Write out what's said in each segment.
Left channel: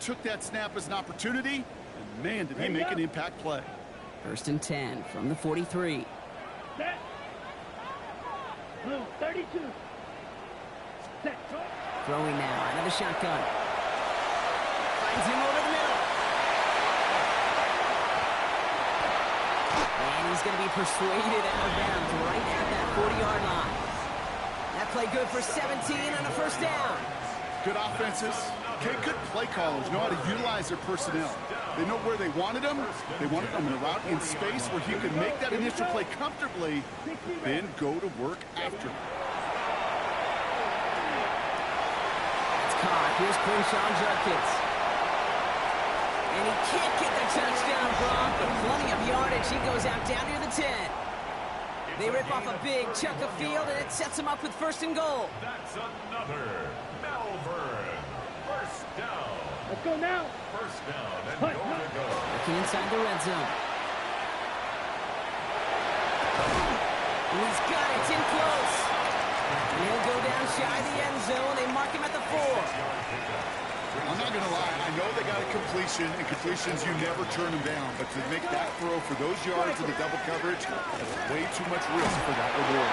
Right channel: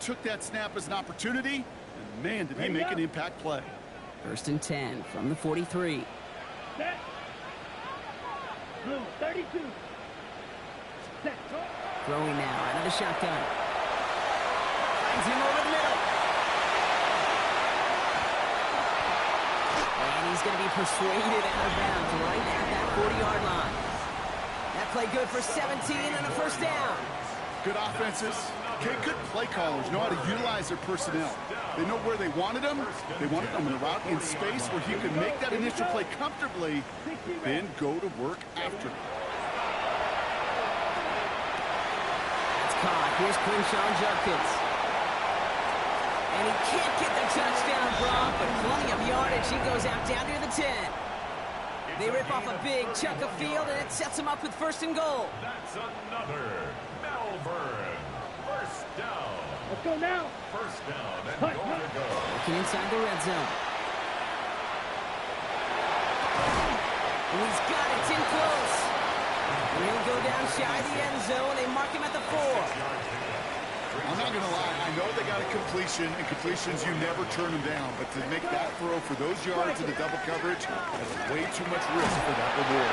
took that snap as an opportunity, and man, did he make an impact play. 1st and 10 from the 43. Set. Blue, 32. Set. Throwing now out of the shotgun. Finds him over the middle. And he's going to be persuaded out of bounds right at that 40-yard line. That play good for 17 and a first down. Good offenses. Okay, good play callers know how to utilize their personnel. They know where they wanted them. They wanted them in a route in space where he could make that initial play comfortably, then go to work after. That's caught. Here's Quinshon Judkins. And he can't get the touchdown, Brock, but plenty of yardage. He goes out down near the 10. They rip off a big chunk of field, and it sets him up with 1st and goal. That's another Malvern. First down. Let's go now. First down and goal to go. Looking inside the red zone. And he's got it. It's in close. And he'll go down shy of the end zone. They mark him at the 4. I'm not going to lie. I know they got a completion, and completions, you never turn them down. But to make that throw for those yards in the double coverage, that's way too much risk for that reward.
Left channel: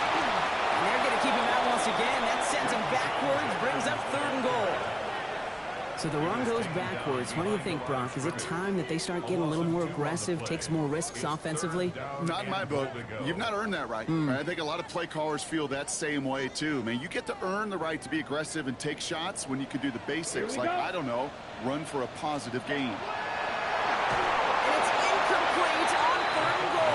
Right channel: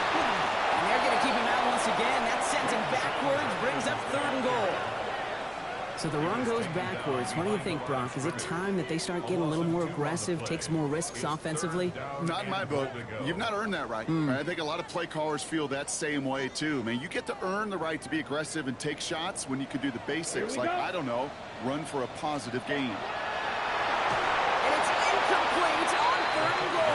And they're going to keep him out once again. That sends him backwards, brings up 3rd and goal. So the run goes backwards. What do you think, Brock? Is it time that they start getting a little more aggressive, take some more risks offensively? Not in my book. You've not earned that right. I think a lot of play callers feel that same way, too. Man, you get to earn the right to be aggressive and take shots when you can do the basics, like, I don't know, run for a positive gain. And it's incomplete on 3rd and goal.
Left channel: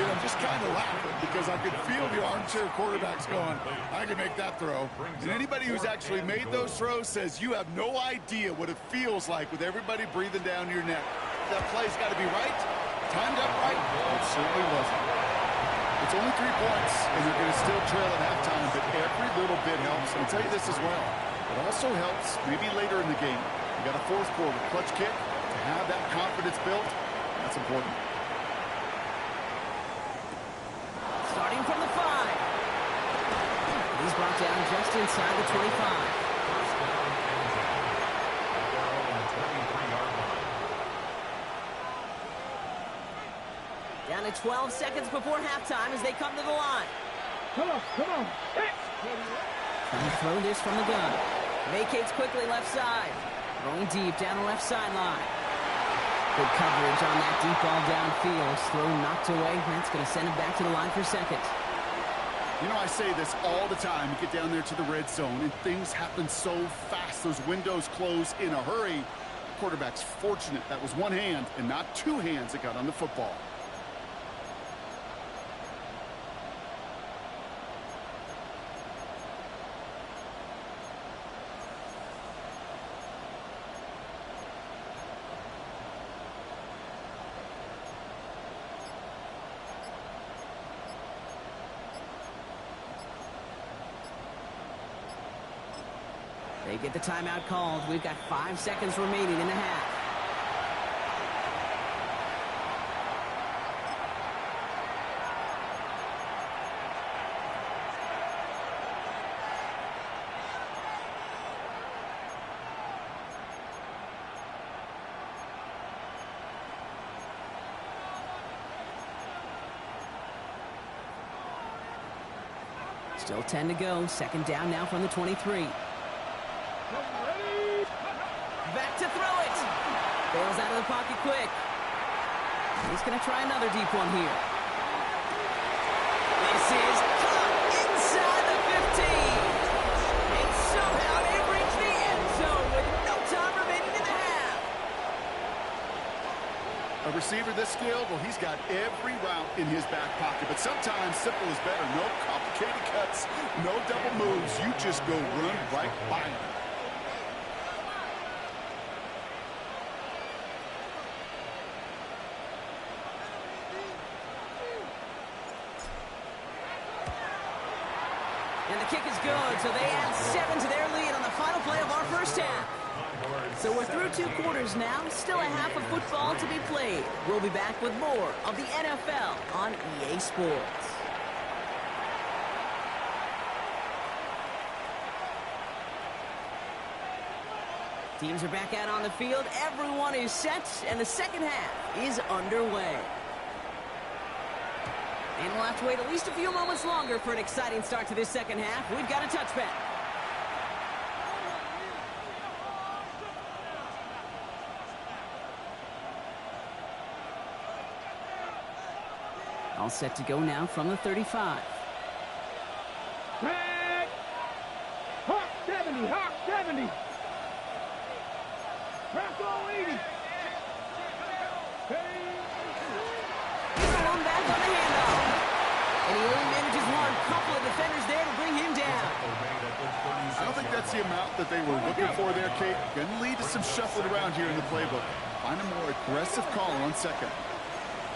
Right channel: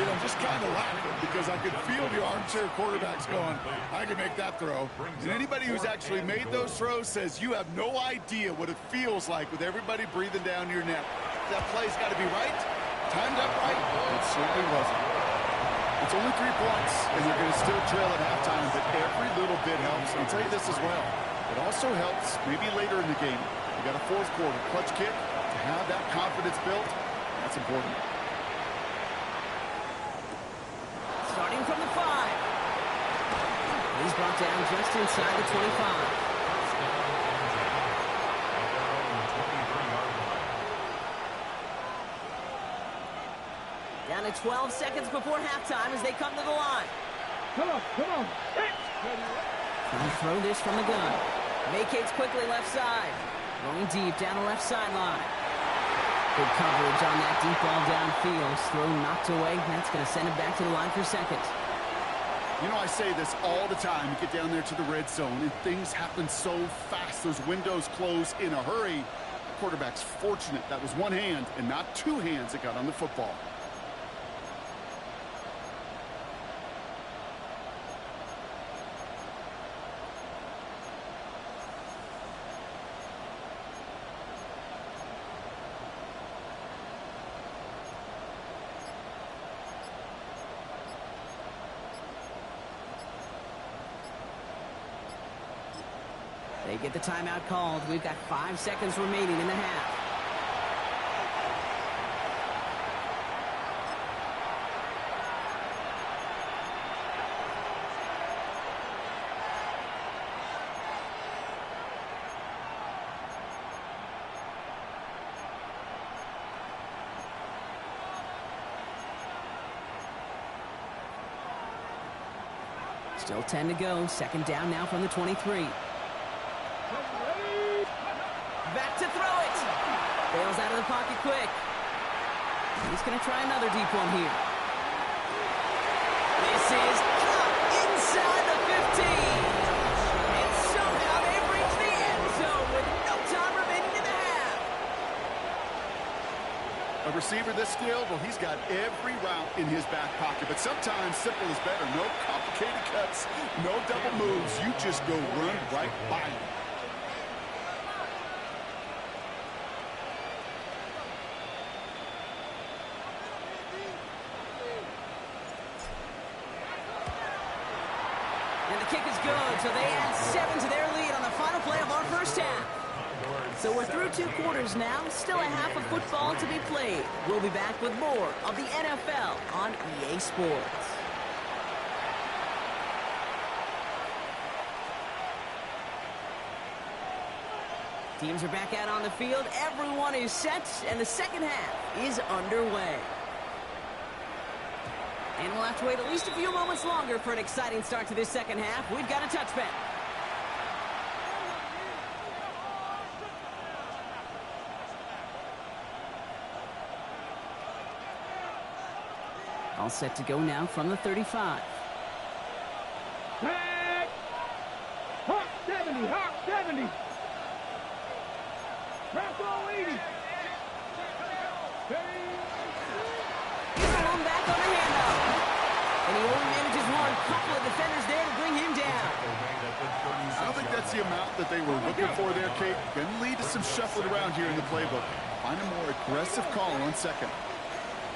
I'm just kind of laughing because I could feel the armchair quarterbacks going, I can make that throw. And anybody who's actually made those throws says you have no idea what it feels like with everybody breathing down your neck. That play's got to be right, timed up right. It certainly wasn't. It's only 3 points, and they're going to still trail at halftime, but every little bit helps. And I'll tell you this as well. It also helps maybe later in the game. You got a 4th quarter clutch kick. To have that confidence built, that's important. Starting from the 5. He's brought down just inside the 25. First down and 10 at their own 23-yard line. Down to 12 seconds before halftime as they come to the line. Come on, come on. Trying to throw this from the gun. Vacates quickly left side. Throwing deep down the left sideline. Good coverage on that deep ball downfield. Throw knocked away. That's going to send him back to the line for 2nd. You know, I say this all the time. You get down there to the red zone, and things happen so fast. Those windows close in a hurry. The quarterback's fortunate that was one hand and not 2 hands that got on the football. They get the timeout called. We've got 5 seconds remaining in the half. Still 10 to go. 2nd down now from the 23. Back to throw it. Bails out of the pocket quick. He's going to try another deep one here. This is caught inside the 15. And somehow they've reached the end zone with no time remaining in the half. A receiver this skilled, well, he's got every route in his back pocket. But sometimes simple is better. No complicated cuts, no double moves. You just go run right by him. And the kick is good, so they add 7 to their lead on the final play of our first half. So we're through 2 quarters now, still a half of football to be played. We'll be back with more of the NFL on EA Sports. Teams are back out on the field. Everyone is set, and the second half is underway. And we'll have to wait at least a few moments longer for an exciting start to this second half. We've got a touchback. All set to go now from the 35. Tag! Hawk 70, Hawk 70. Bronco 80. He's alone back on the handoff. And he only manages one. Couple of defenders there to bring him down. I don't think that's the amount that they were looking for there, Kate. Going to lead to some shuffling around here in the playbook. Find a more aggressive call on second.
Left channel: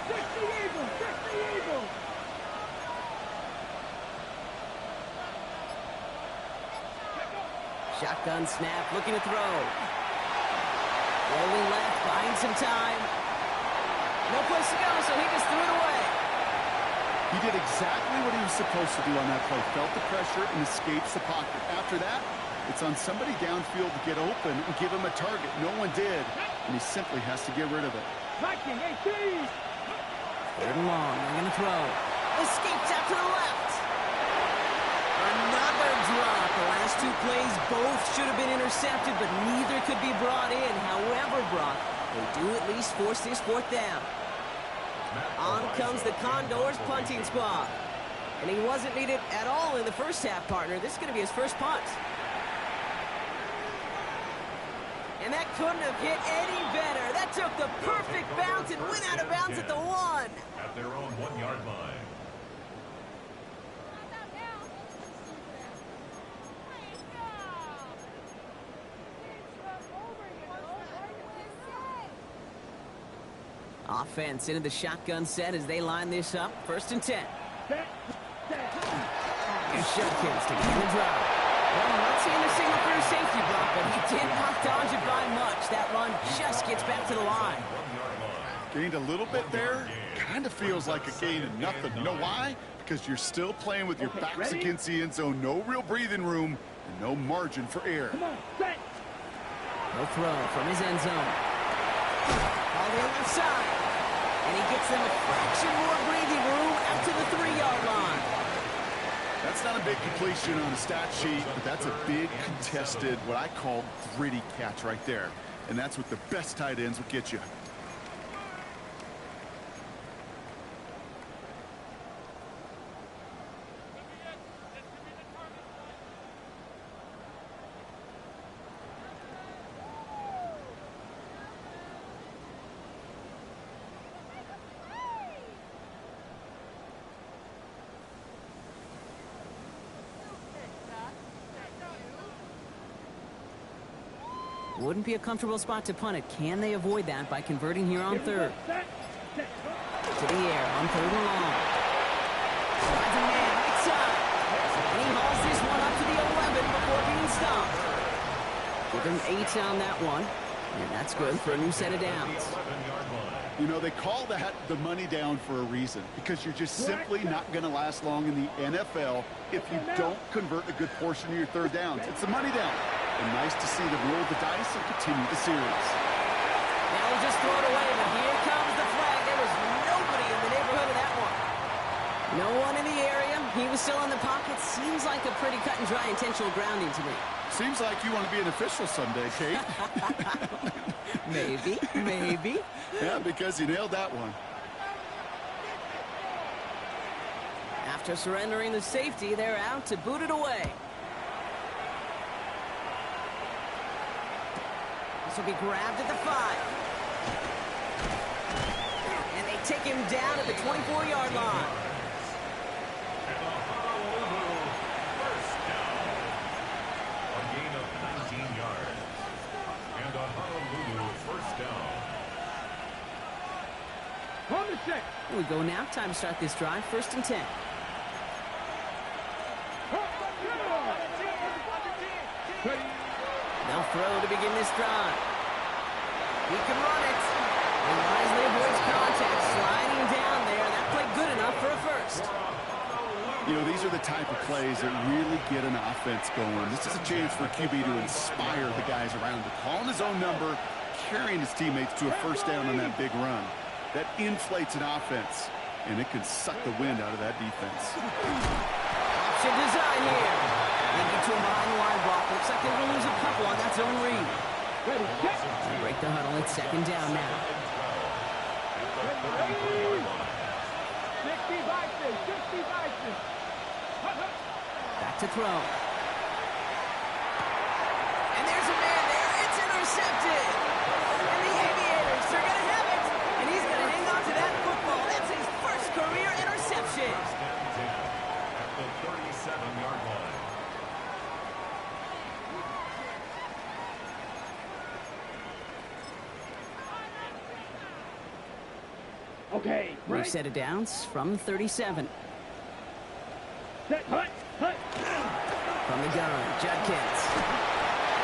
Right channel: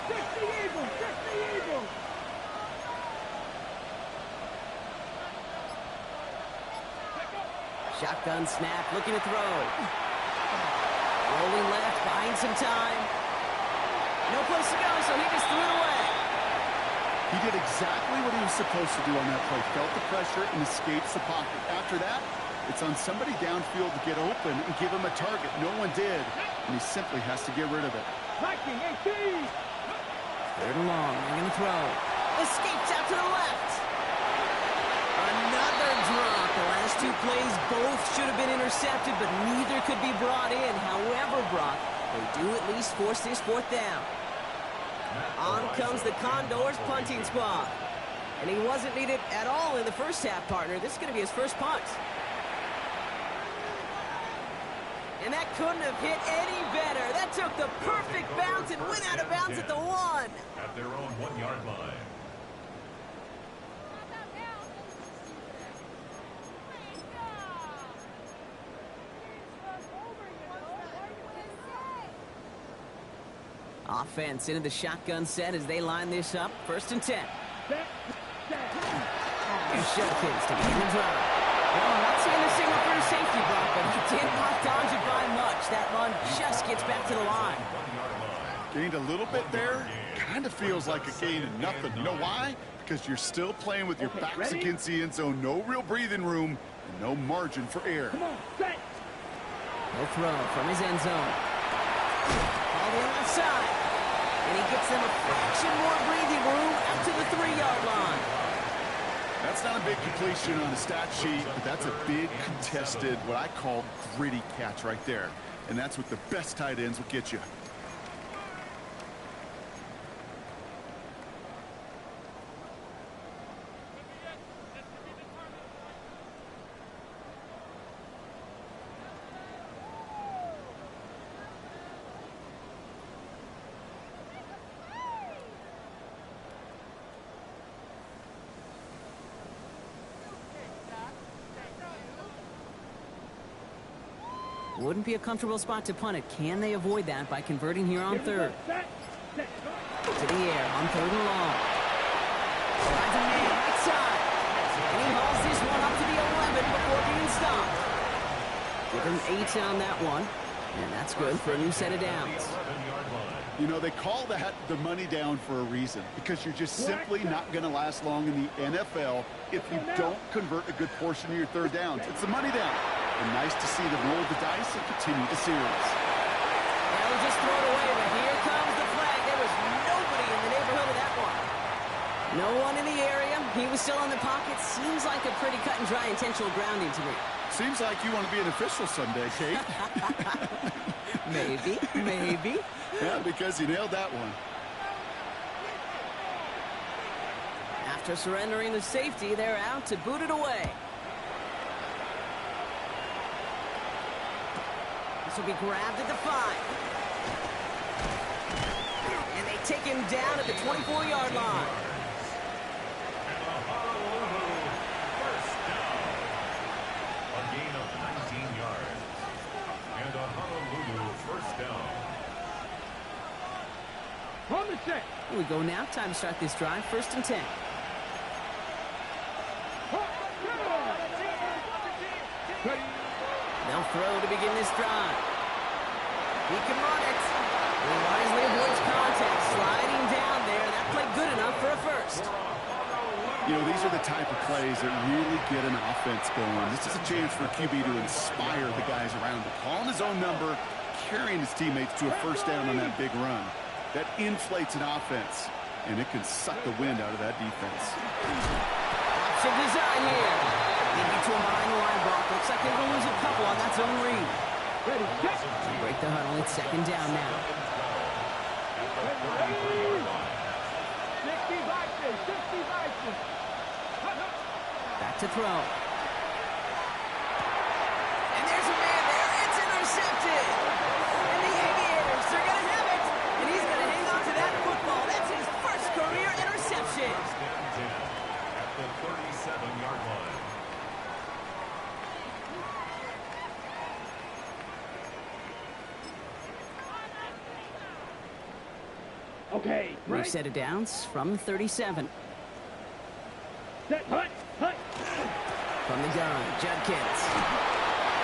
60 Eagles, 60 Eagles. Shotgun snap, looking to throw. Rolling left, buying some time. No place to go, so he just threw it away. He did exactly what he was supposed to do on that play. Felt the pressure and escapes the pocket. After that, it's on somebody downfield to get open and give him a target. No one did, and he simply has to get rid of it. Viking 18. Third and long, they're going to throw. Escapes out to the left. Another drop. The last two plays both should have been intercepted, but neither could be brought in. However, Brock, they do at least force this fourth down. On comes the Condors punting squad. And he wasn't needed at all in the first half, partner. This is going to be his first punt. And that couldn't have hit any better. That took the perfect bounce and went out of bounds at the 1. At their own 1-yard line. Offense into the shotgun set as they line this up. 1st and 10. Set. Here's Judkins to begin the drive. Well, I'm not seeing the signal for a safety, Brock, but he did not dodge it by much. That run just gets back to the line. Gained a little bit there. Kind of feels like a gain of nothing. You know why? Because you're still playing with your backs against the end zone. No real breathing room and no margin for error. Come on, set. No throw from his end zone. All the left side. And he gets them a fraction more breathing room out to the 3-yard line. That's not a big completion on a stat sheet, but that's a big contested, what I call gritty catch right there. And that's what the best tight ends will get you. Wouldn't be a comfortable spot to punt it. Can they avoid that by converting here on 3rd? Set. To the air on 3rd and long. Finds a man right side. And he hauls this one up to the 11 before being stopped. Give him 8 on that one. And that's good for a new set of downs. You know, they call that the money down for a reason, because you're just simply not going to last long in the NFL if you don't convert a good portion of your 3rd downs. It's the money down. And nice to see them roll the dice and continue the series. They'll just throw it away, but here comes the flag. There was nobody in the neighborhood of that one. No one in the area. He was still in the pocket. Seems like a pretty cut and dry intentional grounding to me. Seems like you want to be an official someday, Kate. Maybe. Yeah, because you nailed that one. After surrendering the safety, they're out to boot it away. This will be grabbed at the 5. And they take him down at the 24-yard line. And a Honolulu first down. A gain of 19 yards. And a Honolulu first down. On the set. Here we go now. Time to start this drive. 1st and 10. They'll throw to begin this drive. He can run it. He wisely avoids contact, sliding down there. That played good enough for a first. For a You know, these are the type of plays that really get an offense going. This is a chance for QB to inspire the guys around him. Calling his own number, carrying his teammates to a first down on that big run. That inflates an offense, and it can suck the wind out of that defense. Option design here. They get to him behind the line block. Looks like they're going to lose a couple on that zone read. Ready, set. Break the huddle. It's second down now. 60 Vikings, 60 Vikings. Back to throw. And there's a man there. It's intercepted. And the Aviators are going to have it. And he's going to hang on to that football. That's his first career interception. First and 10 at the 37-yard line. Okay, New right. set of downs from 37. Set, hut, hut. From the gun, Judkins.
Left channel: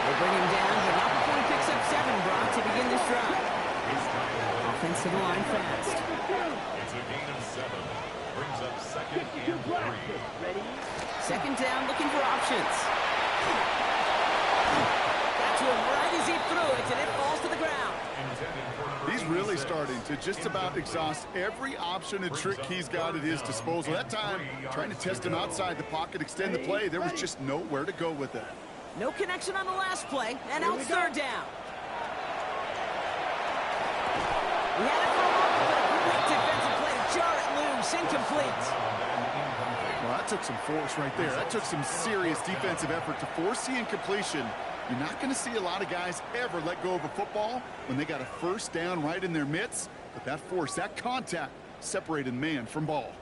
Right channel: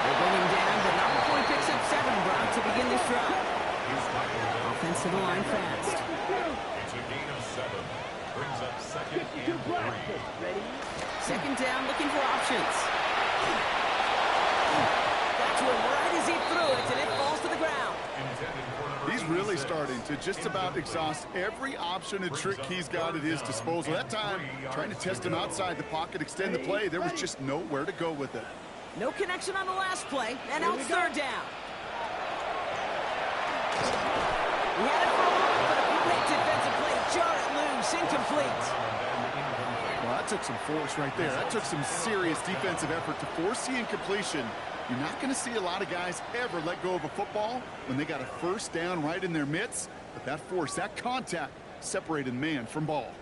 They bring him down, but not before he picks up 7, Brock, to begin this drive. He's tackled. Offense to the line fast. It's a gain of 7. Brings up second 52 and 3. blasters. Ready? Second down, looking for options. Got to him right as he threw it, and it falls to the ground. Intended for number He's really 86. starting to just about exhaust every option and trick he's got at his disposal. That time, trying to test him outside the pocket, extend the play, there was just nowhere to go with it. No connection on the last play, and now it's third down. He had it for a moment, but a great defensive play to jar it loose, incomplete. Well, that took some force right there. That took some serious defensive effort to force the incompletion. You're not going to see a lot of guys ever let go of a football when they got a first down right in their midst. But that force, that contact, separated man from ball.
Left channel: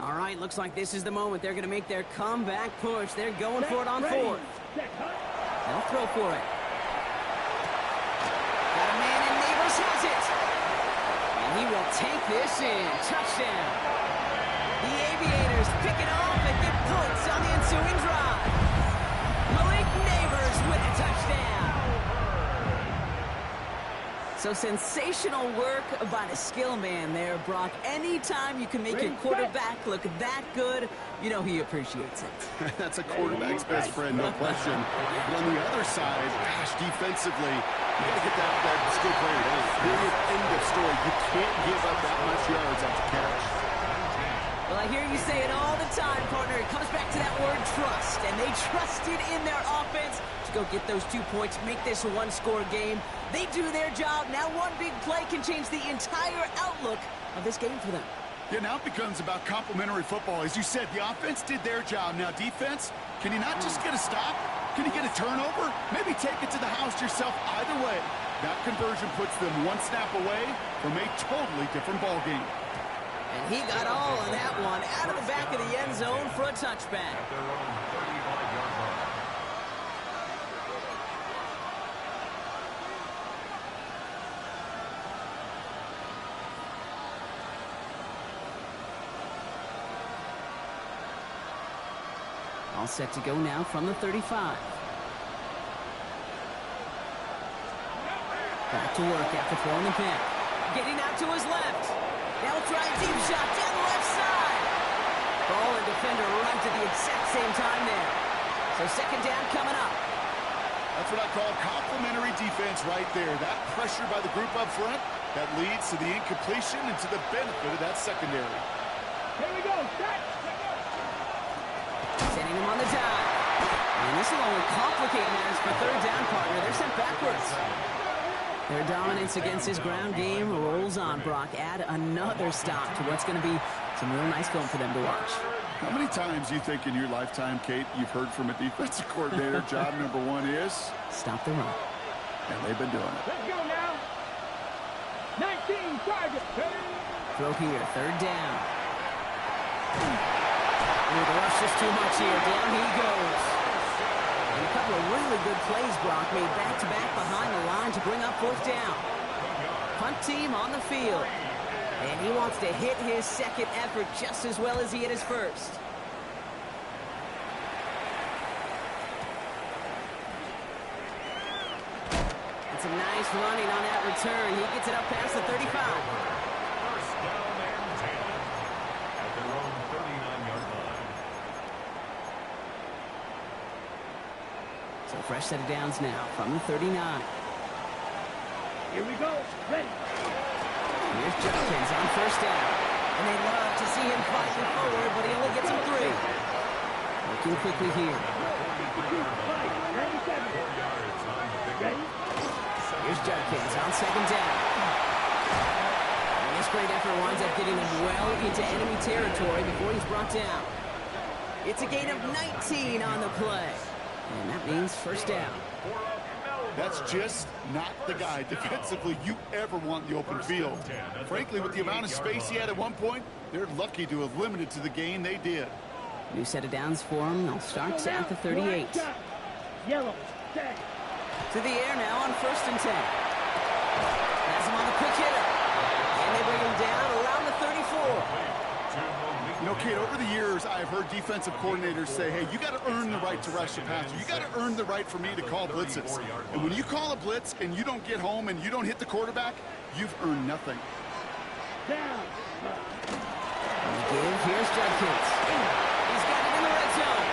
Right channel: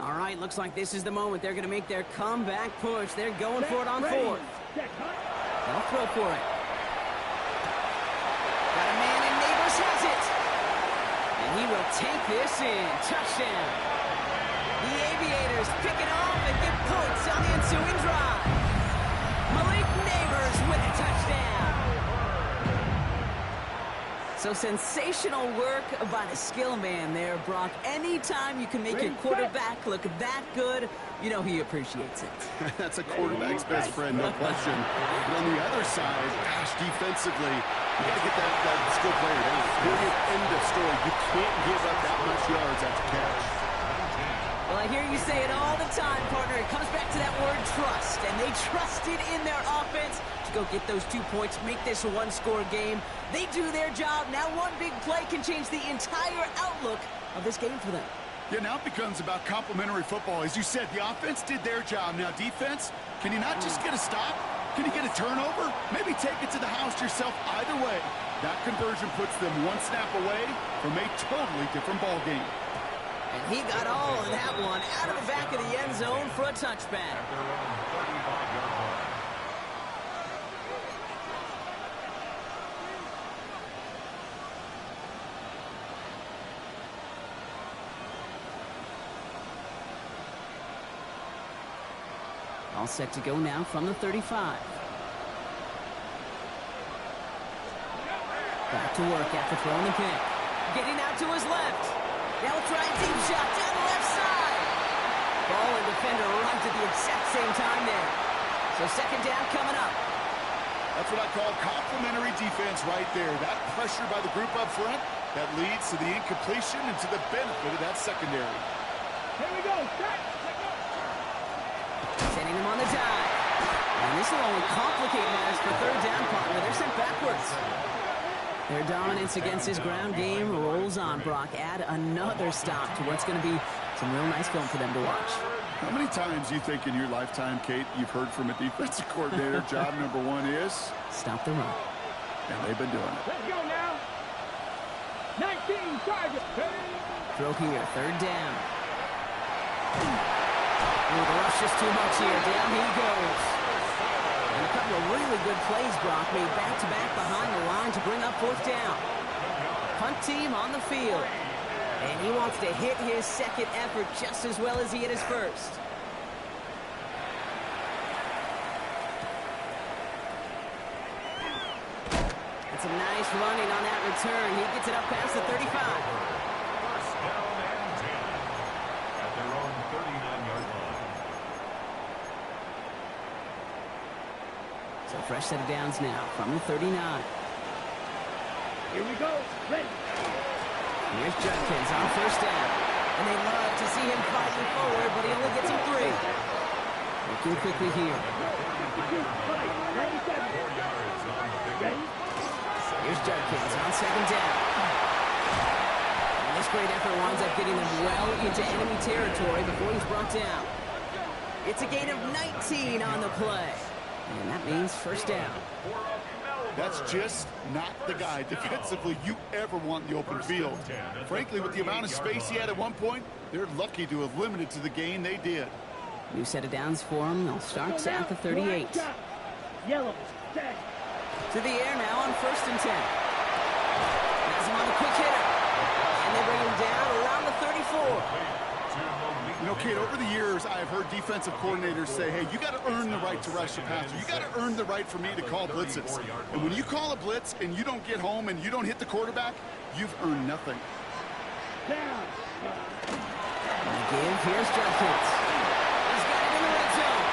All right, looks like this is the moment. They're going to make their comeback push. They're going for it on Ready. fourth. Set, hut. They'll throw for it. Got a man, and Neighbors has it. And he will take this in. Touchdown. The Aviators pick it off and get points on the ensuing drive. Malik Neighbors with a touchdown. So sensational work by the skill man there, Brock. Anytime you can make your quarterback look that good, you know he appreciates it. That's a quarterback's best friend, no question. But on the other side, gosh, defensively, you got to get that skill player down. Period. End of story. You can't give up that much yards after catch. Well, I hear you say it all the time, partner. It comes back to that word trust, and they trusted in their offense to go get those 2 points, make this a one-score game. They do their job. Now one big play can change the entire outlook of this game for them. Yeah, now it becomes about complementary football. As you said, the offense did their job. Now defense, can you not just get a stop? Can you get a turnover? Maybe take it to the house yourself. Either way, that conversion puts them one snap away from a totally different ball game. And he got all of that one out of the back of the end zone for a touchback. At their own 35-yard line. All set to go now from the 35. Back to work after throwing the pick. Getting out to his left. Now we'll try a deep shot down the left side. Ball and defender arrived at the exact same time there. So second down coming up. That's what I call complementary defense right there. That pressure by the group up front, that leads to the incompletion and to the benefit of that secondary. Here we go. Set. Let go. Sending him on the dive. And this will only complicate matters for third down, partner. They're sent backwards. Their dominance against his ground game rolls on, Brock. Add another stop to what's going to be some real nice film for them to watch. How many times do you think in your lifetime, Kate, you've heard from a defensive coordinator, job number one is? Stop the run. And they've been doing it. Let's go now. 19 target. Throw here, third down. Ooh, the rush is too much here. Down he goes. And a couple of really good plays, Brock, made back-to-back behind the line to bring up fourth down. Punt team on the field. And he wants to hit his second effort just as well as he hit his first. some nice running on that return. He gets it up past the 35. First down and 10 at their own 39-yard line. So fresh set of downs now from the 39. Here we go. Ready. Here's Judkins on first down. And they love to see him fighting forward, but he only gets him 3. Working quickly here. 97. 4 yards on the pickup. Here's Judkins on second down. And this great effort winds up getting them well into enemy territory before he's brought down. It's a gain of 19 on the play. And that means first down. That's just not the guy defensively you ever want in the open field. Frankly, with the amount of space he had at one point, they're lucky to have limited to the gain they did. New set of downs for him. They'll start at the 38. Yellow. Tag. To the air now on first and 10. Has him on the quick hitter. And they bring him down around the 34. You know, Kate, over the years, I've heard defensive coordinators say, hey, you got to earn the right to rush the passer. You got to earn the right for me to call blitzes. And when you call a blitz and you don't get home and you don't hit the quarterback, you've earned nothing. Down. On the give, here's Judkins. He's got it in the red zone.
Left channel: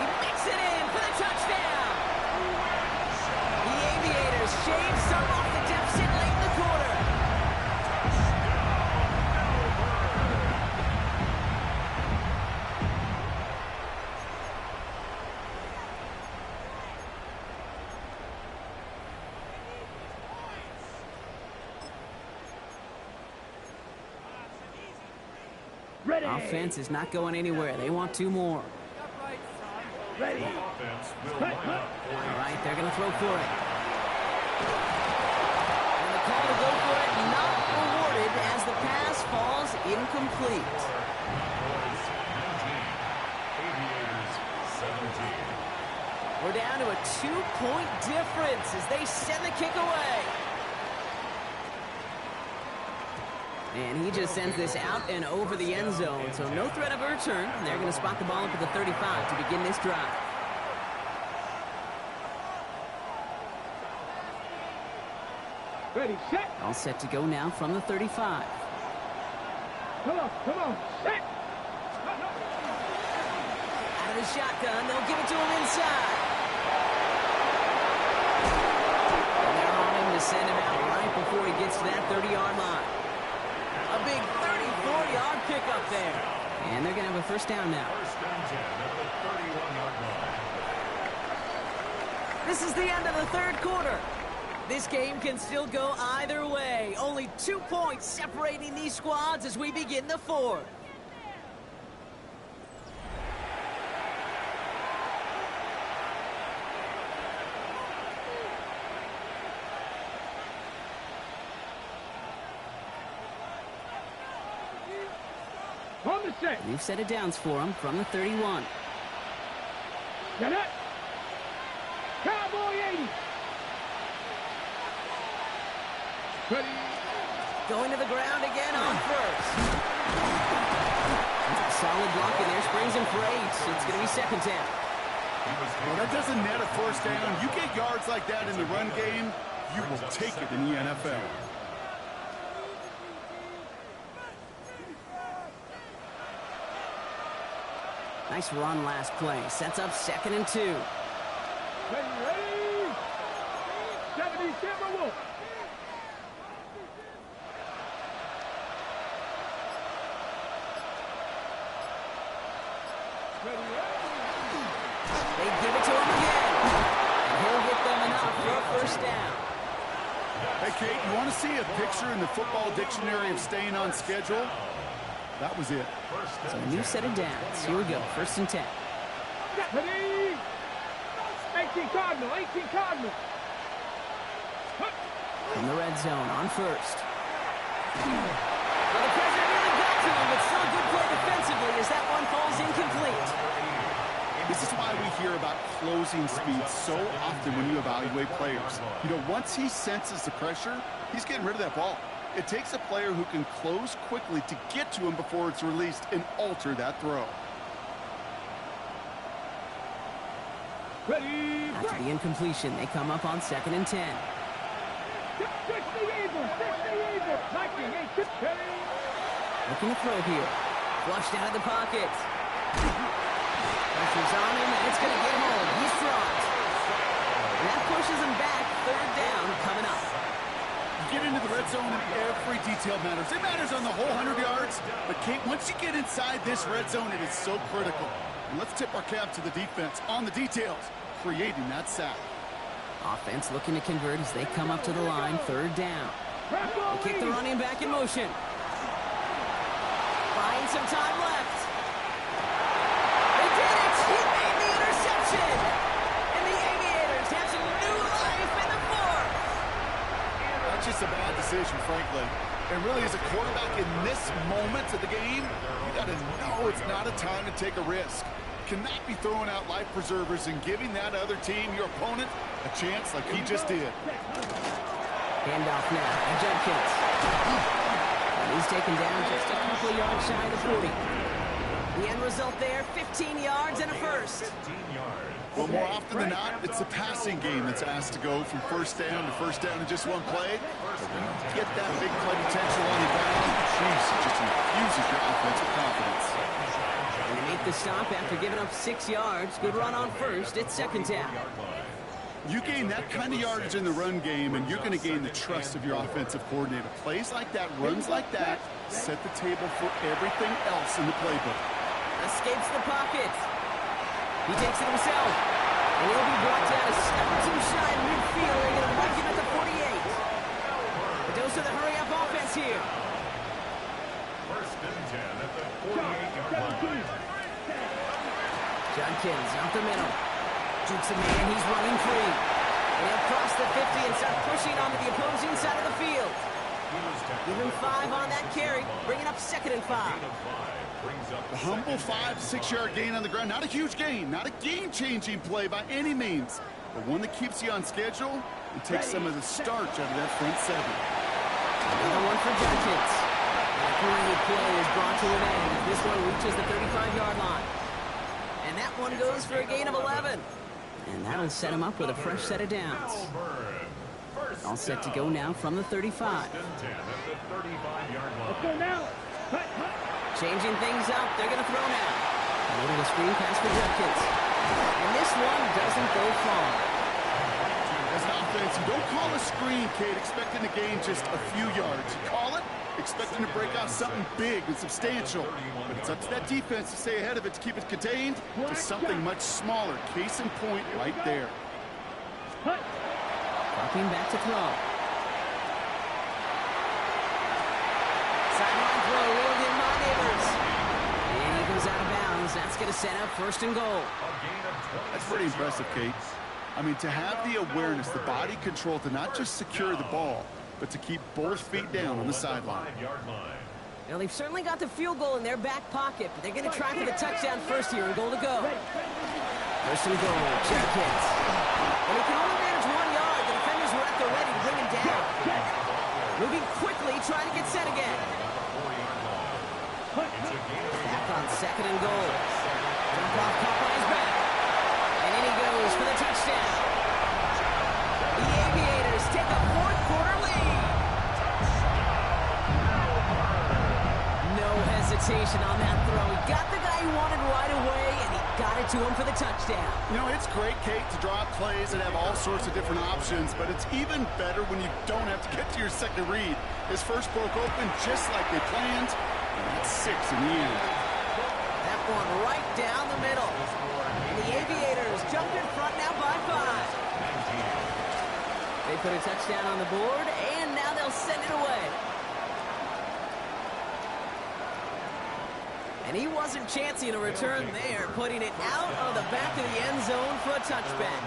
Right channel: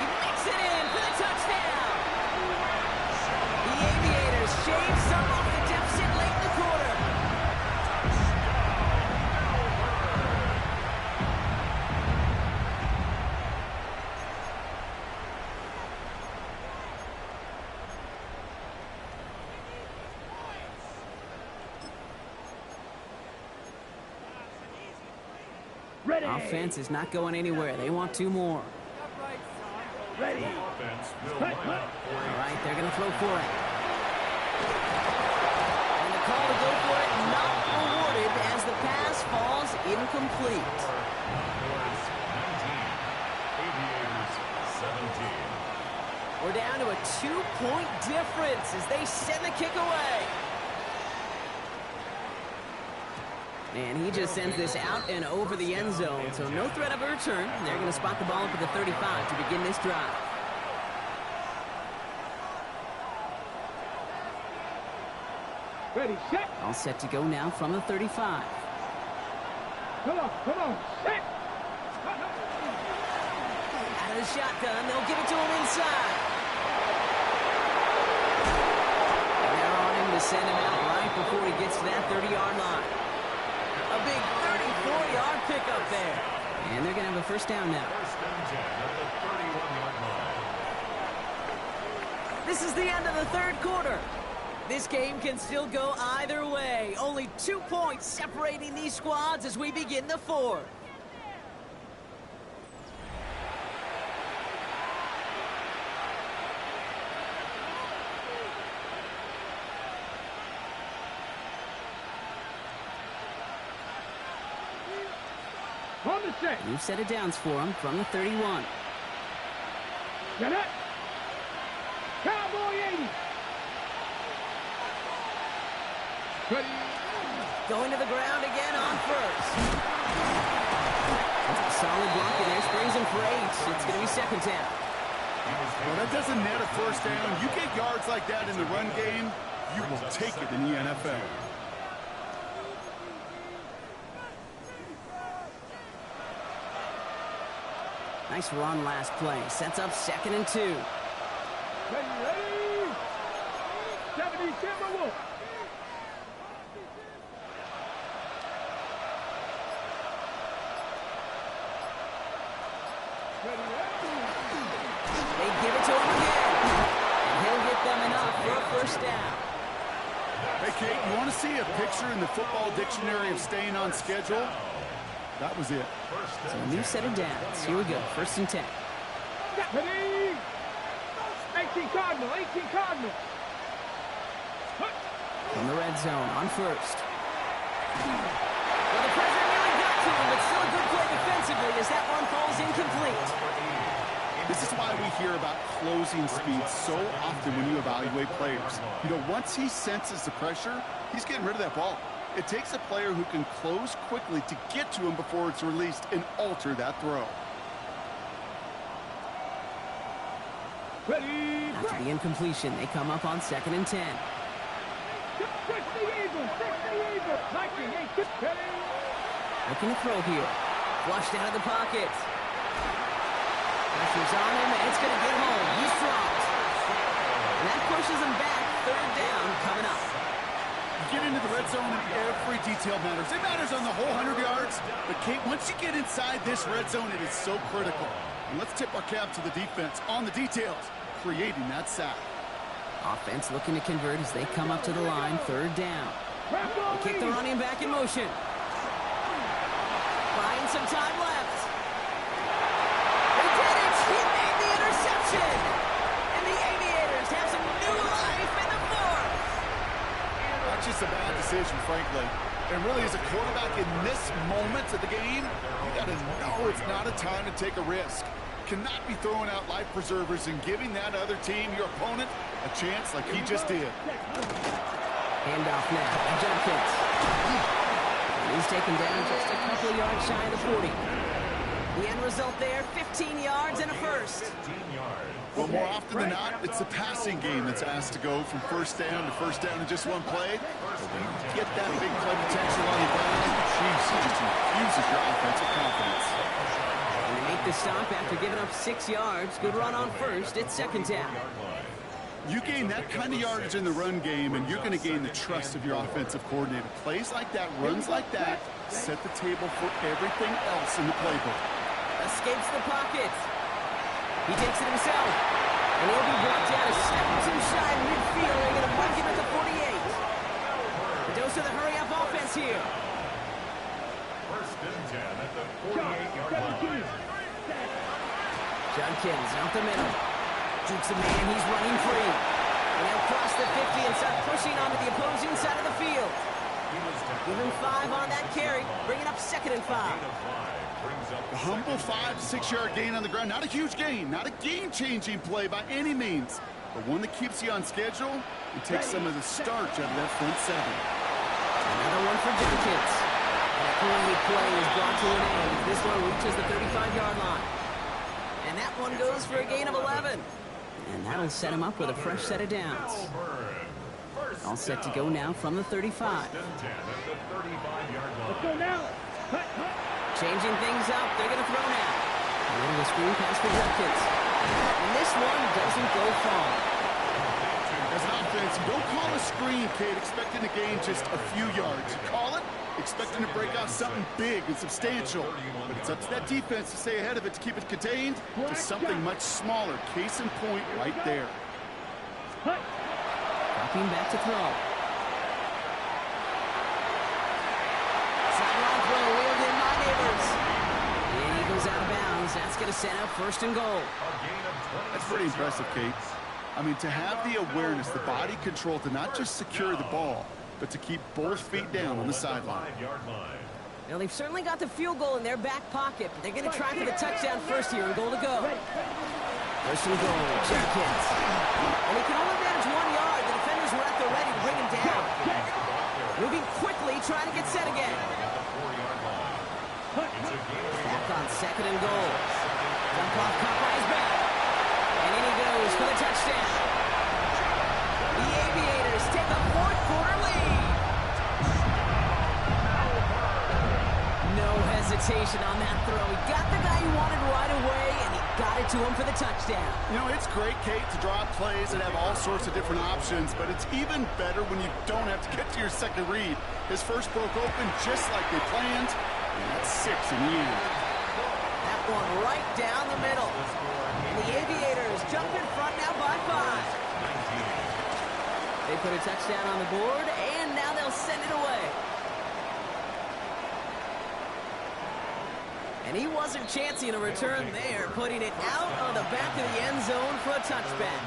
He makes it in for the touchdown. The Aviators shave some off the deficit late in the quarter. Ready. Offense is not going anywhere. They want 2 more. Ready. Offense will line up for All right, they're going to throw for it. And the call to go for it not rewarded as the pass falls incomplete. Outdoors 19, Aviators 17. We're down to a 2-point difference as they send the kick away. And he just sends this out and over the end zone, so no threat of a return. They're going to spot the ball up at the 35 to begin this drive. Ready. Set. All set to go now from the 35. Come on. Come on. Set. Out of the shotgun, they'll give it to him inside. And they're on him to send him out right before he gets to that 30-yard line. A big 34-yard pickup there. And they're going to have a first down now. First and 10 at the 31-yard line. This is the end of the third quarter. This game can still go either way. Only 2 points separating these squads as we begin the fourth. On the set. New set of downs for him from the 31. Set up. Cowboy 80. Ready. Going to the ground again on first. That's a solid block in there. Springs him for 8. It's going to be second down. Well, that doesn't net a first down. You get yards like that in the run game, you will take it in the NFL. Nice run last play. Sets up second and 2. Ready. 70 Timberwolves. They give it to him again. And he'll get them enough for a first down. Hey, Kate, you want to see a picture in the football dictionary of staying on schedule? That was it. So a new set of downs. Here we go. First and 10. Ready. 18 Cardinal. 18 Cardinal. From the red zone on first. Well, the pressure nearly got to him, but still a good play defensively as that one falls incomplete. This is why we hear about closing speed so often when you evaluate players. You know, once he senses the pressure, he's getting rid of that ball. It takes a player who can close quickly to get to him before it's released and alter that throw. Ready, After the incompletion, they come up on 2nd and 10. 60 Eagles, 60 Eagles. 19, 8, ready. Looking to throw here. Flushed out of the pocket. Pressure's on him, and it's going to get home. He's dropped. And that pushes him back. 3rd down coming up. You get into the red zone and every detail matters. It matters on the whole 100 yards. But, Kate, once you get inside this red zone, it is so critical. And let's tip our cap to the defense on the details, creating that sack. Offense looking to convert as they come up to the line. 3rd down. They kick the running back in motion. Buying some time left. They did it! He made the interception! And the Aviators have some new life in the 4th! That's just a bad decision, frankly. And really, as a quarterback in this moment of the game, you got to know it's not a time to take a risk. Cannot be throwing out life preservers and giving that other team, your opponent, a chance like he just did. Handoff now to Judkins. And he's taken down just a couple of yards shy of the 40. The end result there, 15 yards and a first. 15 yards. Well, more often than not, it's the passing game that's asked to go from first down to first down in just one play. But when you get that big play potential on the ground, jeez, it just infuses your offensive confidence. And they make the stop after giving up 6 yards. Good run on first. It's 2nd down. You gain that kind of yardage in the run game, and you're going to gain the trust of your offensive coordinator. Plays like that, runs like that, set the table for everything else in the playbook. Escapes the pocket. He takes it himself. And he'll be brought down a step or two shy of midfield. They're going to mark him at the 48. The dose of the hurry-up offense here. 1st and 10 at the 48-yard line. Judkins out the middle. Jukes a man, he's running free. And he'll cross the 50 and start pushing onto the opposing side of the field. Give him 5 on that carry, bringing up 2nd and 5. The humble 5 to 6 yard gain on the ground. Not a huge gain, not a game-changing play by any means, but one that keeps you on schedule and takes some of the starch out of that front 7. Another one for Judkins. And a great play is brought to an end as this one reaches the 35-yard line. And that one goes for a gain of 11. And that'll set him up with a fresh set of downs. All set to go now from the 35. Let's go now. Hut, hut. Changing things up. They're going to throw now. A little screen pass for Judkins. And this one doesn't go far. As an offense, you don't call a screen, Kate, expecting to gain just a few yards. You call it expecting to break out something big and substantial. But it's up to that defense to stay ahead of it, to keep it contained to something much smaller. Case in point right there. Dropping back to throw. Sideline throw wheeled in by Neighbors. And he goes out of bounds. That's going to set up 1st and goal. That's pretty impressive, Kate. I mean, to have the awareness, the body control to not just secure the ball, but to keep both feet down on the sideline. Now, they've certainly got the field goal in their back pocket, but they're going to try for the touchdown first here and goal to go. 1st and goal, Judkins. And he can only manage 1 yard. The defenders were at the ready to bring him down. Moving quickly, trying to get set again. Back on 2nd and goal. Jump off, caught by his back. And in he goes for the touchdown. The Aviators take a 4th quarter lead. No hesitation on that throw. He got the guy he wanted right away, and he got it to him for the touchdown. You know, it's great, Kate, to draw up plays and have all sorts of different options, but it's even better when you don't have to get to your second read. His first broke open just like they planned, and that's 6 in the end. That one right down the middle. And the Aviators jump in front now by 5. They put a touchdown on the board, and now they'll send it away. And he wasn't chancing a return there, putting it out of the back of the end zone for a touchback.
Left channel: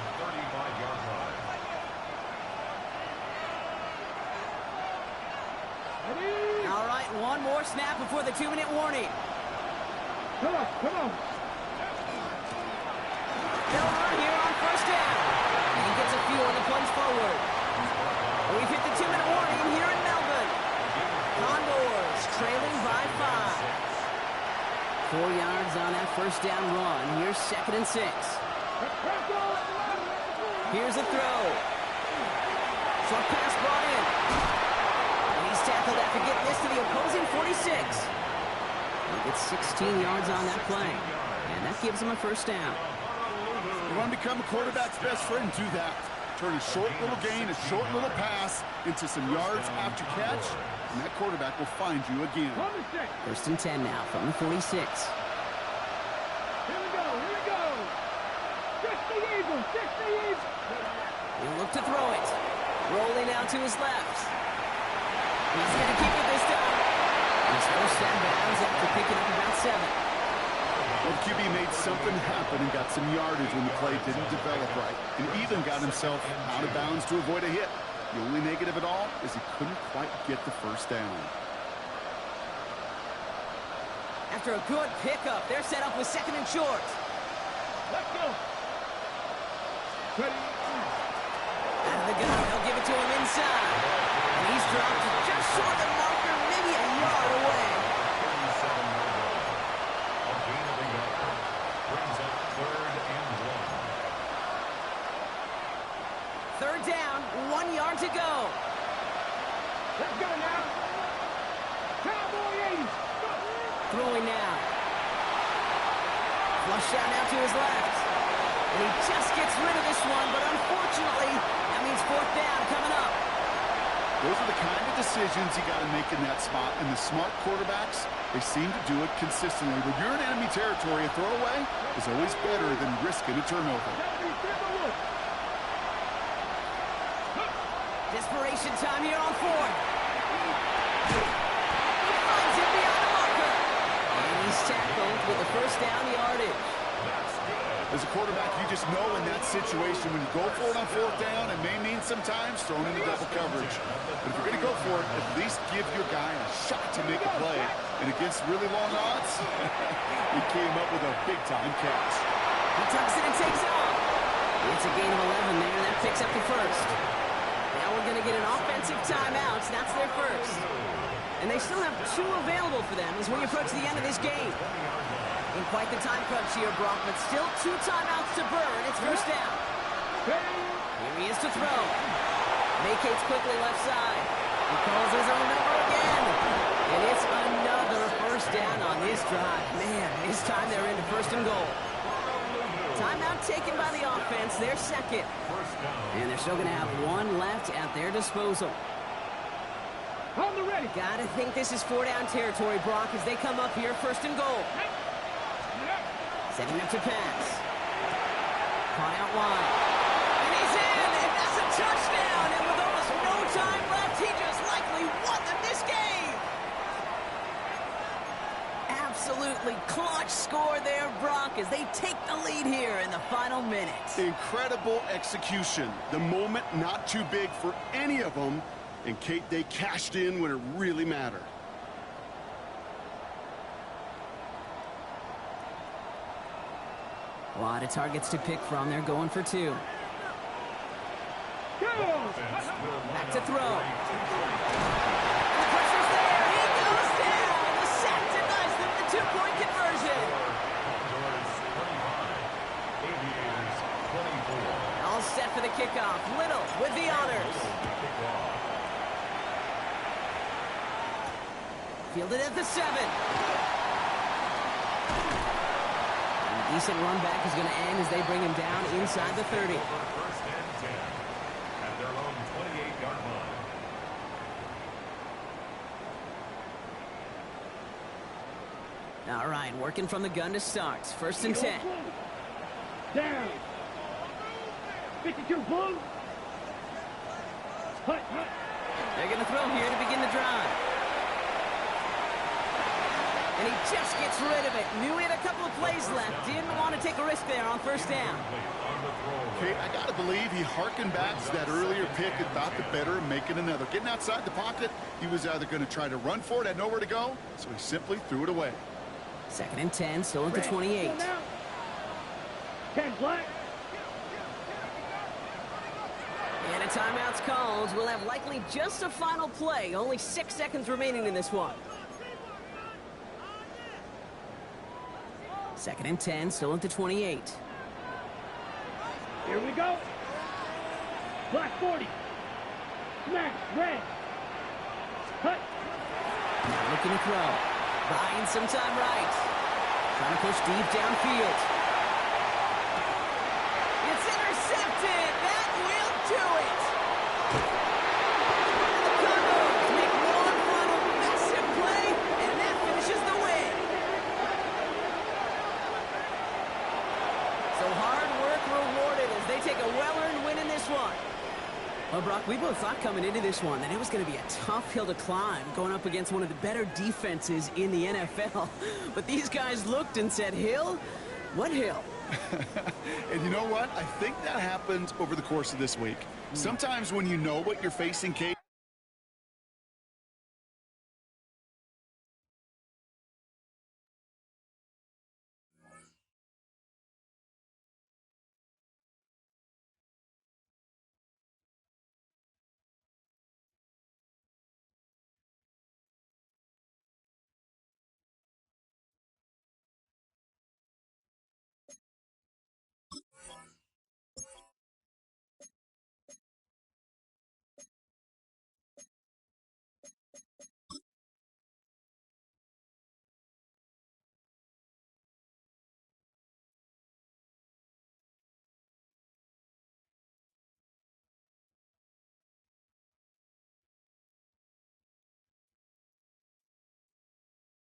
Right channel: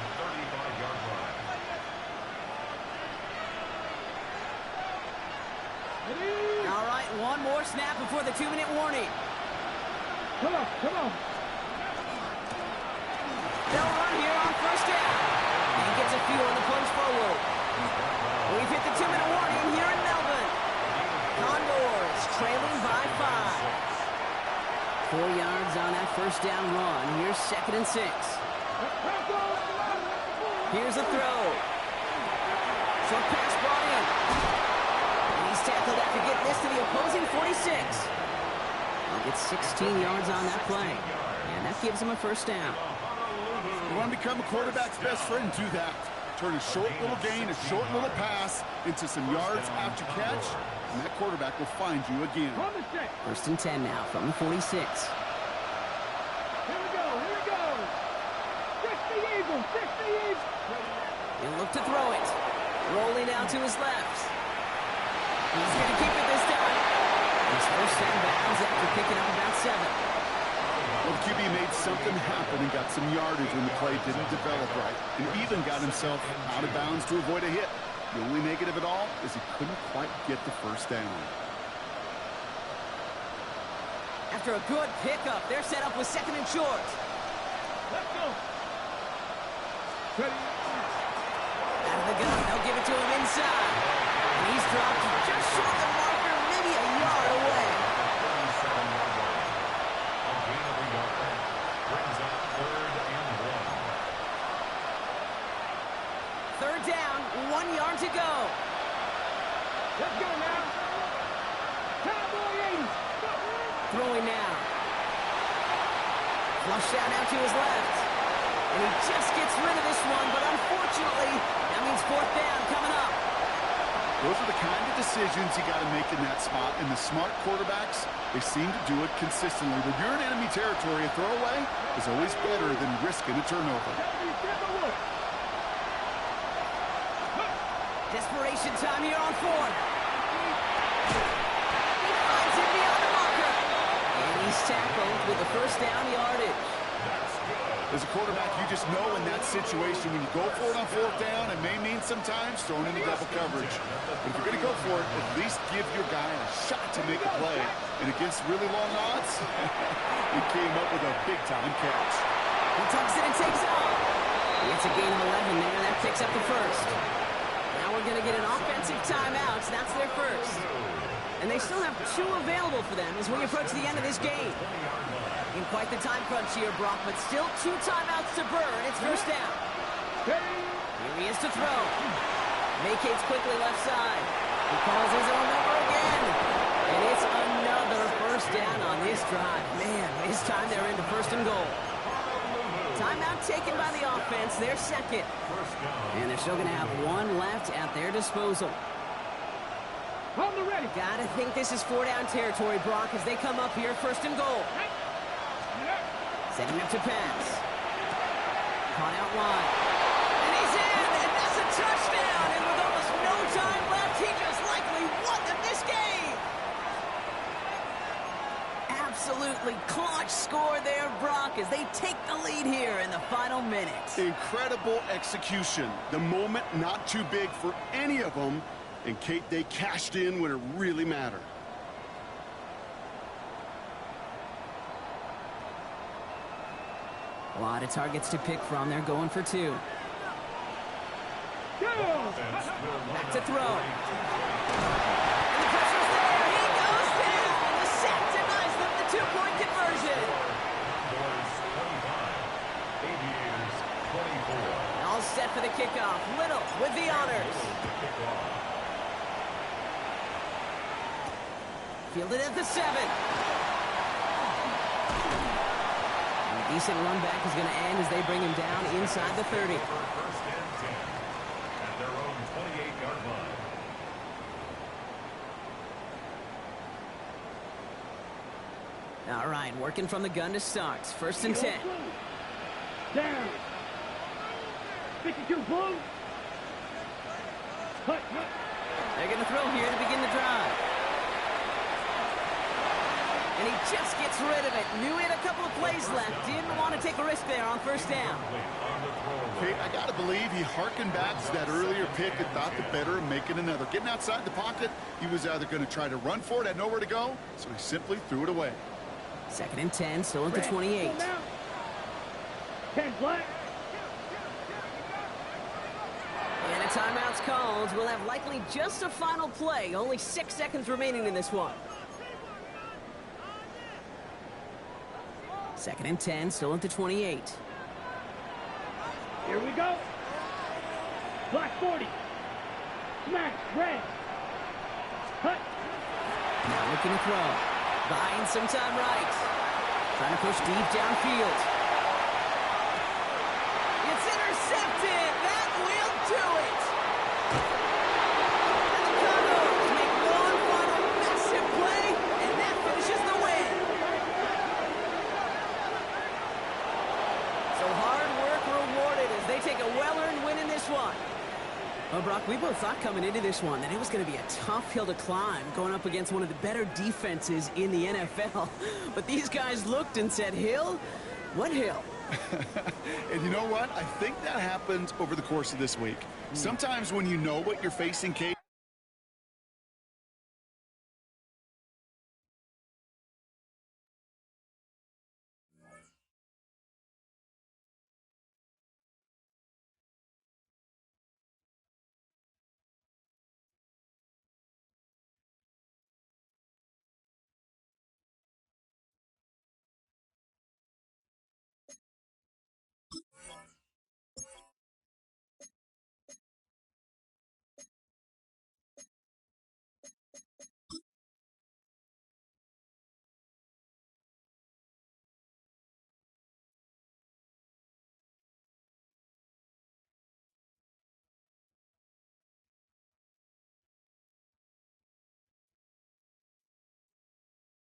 All right, one more snap before the 2-minute warning. Come on, come on. They'll run here on 1st down. And he gets a few on the plunge forward. We've hit the 2-minute warning here in Melbourne. Condors trailing by 5. 4 yards on that 1st down run. Here's 2nd and 6. Here's a throw. Short pass brought in. And he's tackled after getting this to the opposing 46. He'll get 16 yards on that play. And that gives him a first down. You want to become a quarterback's best friend, do that. Turn a short little gain, a short little pass into some yards after catch, and that quarterback will find you again. First and 10 now from the 46. Here we go, here we go. 60 Eagles, 60 Eagles. He'll look to throw it. Rolling out to his left. He's going to keep it this time. His first down bounds after picking up about 7. Well, the QB made something happen and got some yardage when the play didn't develop right, and even got himself out of bounds to avoid a hit. The only negative at all is he couldn't quite get the first down. After a good pickup, they're set up with second and short. Let's go. Ready. Out of the gun, they'll give it to him inside. And he's dropped just short of the marker, maybe a yard away. 37-yard line. A gain of a yard. Brings up 3rd and 1. Third down, 1 yard to go. Let's go now. Cowboy 80s. Go. Throwing now. Flush out now to his left. And he just gets rid of this one, but unfortunately, that means fourth down coming up. Those are the kind of decisions you got to make in that spot, and the smart quarterbacks, they seem to do it consistently. When you're in enemy territory, a throwaway is always better than risking a turnover. Desperation time here on fourth. He finds him beyond the marker. And he's tackled with the first down yardage. As a quarterback, you just know in that situation when you go for it on fourth down, it may mean sometimes throwing into double coverage. But if you're going to go for it, at least give your guy a shot to make a play. And against really long odds, he came up with a big-time catch. He tucks it and takes off. It's a gain of 11 there, and that picks up the first. Now we're going to get an offensive timeout. That's their first. And they still have 2 available for them as we approach the end of this game. In quite the time crunch here, Brock, but still 2 timeouts to burn. It's first down. Here he is to throw. Vacates quickly left side. He calls his own number again. And it's another first down on this drive. Man, this time they're into first and goal. Timeout taken by the offense, their second. And they're still going to have 1 left at their disposal. On the ready. Gotta think this is 4-down territory, Brock, as they come up here first and goal. Setting up to pass. Caught out wide. And he's in, and that's a touchdown. And with almost no time left, he just likely won them this game. Absolutely clutch score there, Brock, as they take the lead here in the final minute. Incredible execution. The moment not too big for any of them. And Kate, they cashed in when it really mattered. A lot of targets to pick from. They're going for 2. Back to throw. And the pressure's there. He goes down. The sack denies them the 2-point conversion. Condors 25. Aviators 24. All set for the kickoff. Little with the honors. Fielded at the 7. And a decent run back is going to end as they bring him down inside the 30. First and 10 at their own 28-yard line. All right, working from the gun to start. First and 10. Down. 52 blue. Hut, hut. They're going to throw here to begin the drive. And he just gets rid of it. Knew he had a couple of plays left. Didn't want to take a risk there on first down. Okay, I got to believe he harkened back to that earlier pick and thought the better of making another. Getting outside the pocket, he was either going to try to run for it, had nowhere to go, so he simply threw it away. Second and 10, still at the 28. 10 black. And a timeout's called. We'll have likely just a final play. Only 6 seconds remaining in this one. Second and 10, still at the 28. Here we go. Black 40. Smash. Red. Cut. Now looking to throw. Buying some time right. Trying to push deep downfield. It's intercepted. That will do it. And the Cardinals make one final massive play, and that finishes the win. So hard work rewarded as they take a well-earned win in this one. Well, Brock, we both thought coming into this one that it was going to be a tough hill to climb going up against one of the better defenses in the NFL. But these guys looked and said, Hill? What hill? And you know what? I think that happens over the course of this week. Sometimes when you know what you're facing, Kate,